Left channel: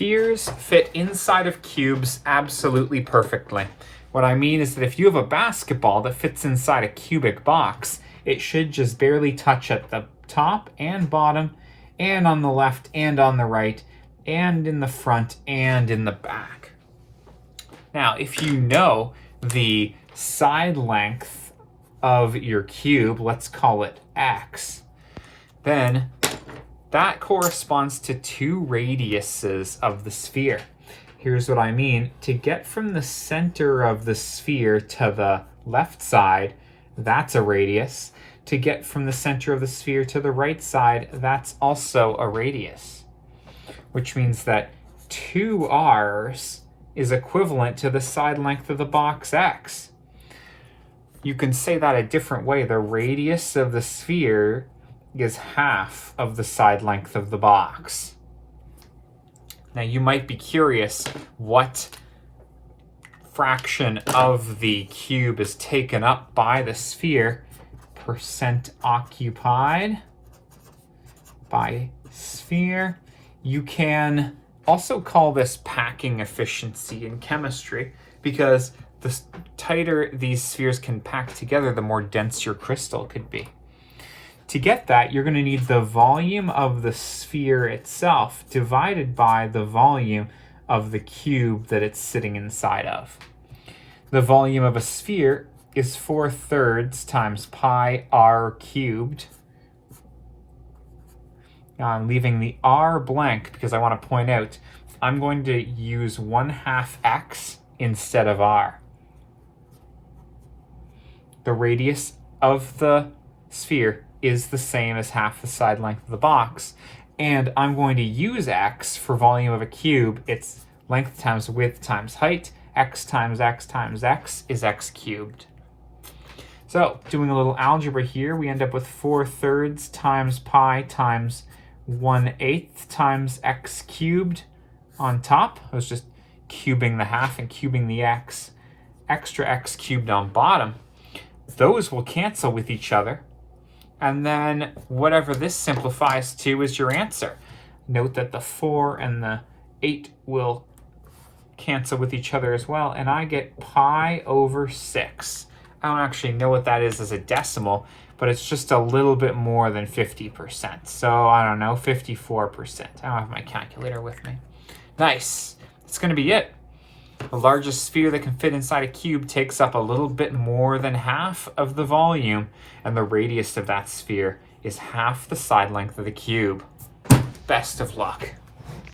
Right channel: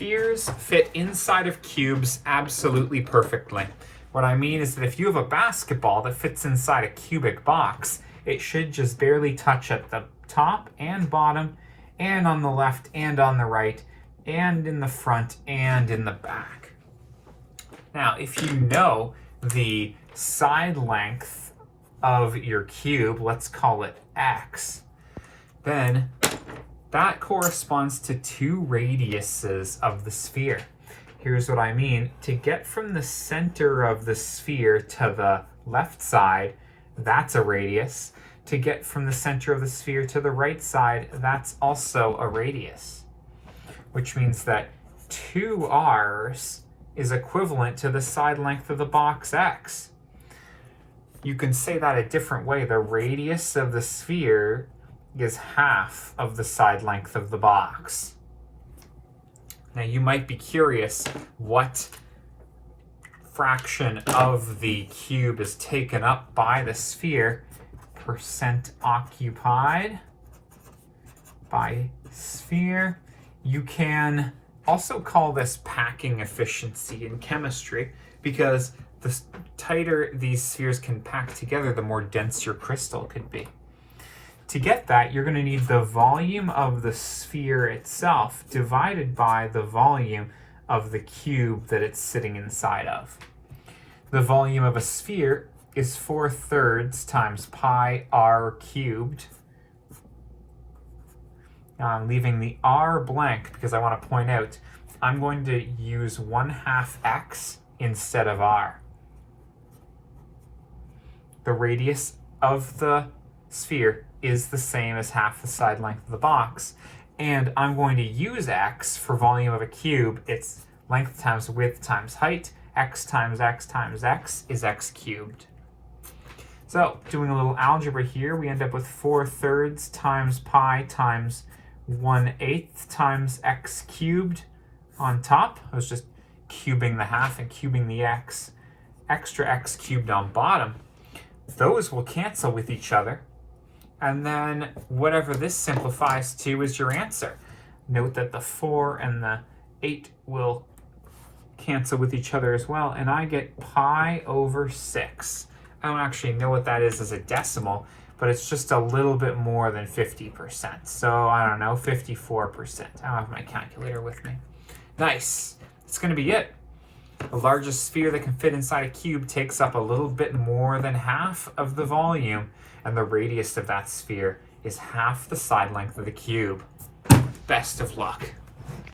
Spheres fit inside of cubes absolutely perfectly. What I mean is that if you have a basketball that fits inside a cubic box, it should just barely touch at the top and bottom, and on the left and on the right, and in the front and in the back. Now, if you know the side length of your cube, let's call it x, then that corresponds to 2 radiuses of the sphere. Here's what I mean. To get from the center of the sphere to the left side, that's a radius. To get from the center of the sphere to the right side, that's also a radius. Which means that 2r's is equivalent to the side length of the box x. You can say that a different way. The radius of the sphere is half of the side length of the box. Now you might be curious what fraction of the cube is taken up by the sphere. Percent occupied by sphere. You can also call this packing efficiency in chemistry, because the tighter these spheres can pack together, the more dense your crystal could be. To get that, you're going to need the volume of the sphere itself divided by the volume of the cube that it's sitting inside of. The volume of a sphere is 4/3 times pi r cubed. Now I'm leaving the r blank because I want to point out I'm going to use 1/2 x instead of r. The radius of the sphere is the same as half the side length of the box, and I'm going to use x for volume of a cube. It's length times width times height. X times x times x is x cubed. So doing a little algebra here, we end up with 4/3 times pi times 1/8 times x cubed on top. I was just cubing the half and cubing the x. Extra x cubed on bottom. Those will cancel with each other. And then whatever this simplifies to is your answer. Note that the 4 and the 8 will cancel with each other as well, and I get pi over 6. I don't actually know what that is as a decimal, but it's just a little bit more than 50%. So I don't know, 54%. I don't have my calculator with me. Nice. That's going to be it. The largest sphere that can fit inside a cube takes up a little bit more than half of the volume, and the radius of that sphere is half the side length of the cube. Best of luck.